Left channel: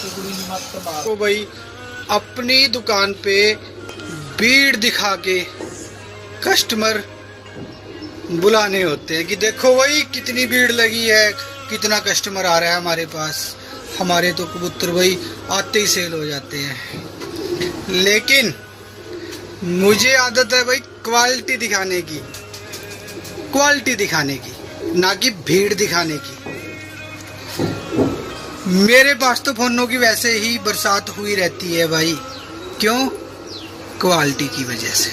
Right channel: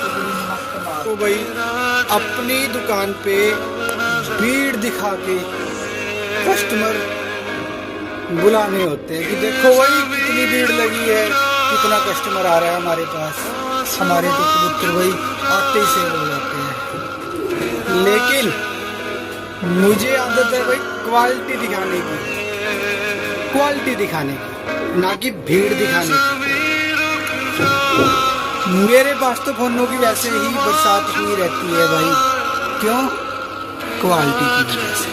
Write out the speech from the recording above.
तो भाई अपनी दुकान पे भीड़ दिखा के कस्टमर बुलाने होते हैं कि देखो भाई कितनी भीड़ लगी है, कितना कस्टमर आ रहा है हमारे पास। हमारे तो कबूतर भाई आते ही सेल हो जाते हैं। लेकिन मुझे आदत है भाई क्वालिटी दिखाने की, क्वालिटी दिखाने की, ना कि भीड़ दिखाने की। मेरे पास तो फोनों की वैसे ही बरसात हुई रहती है भाई। क्यों? क्वालिटी की वजह से।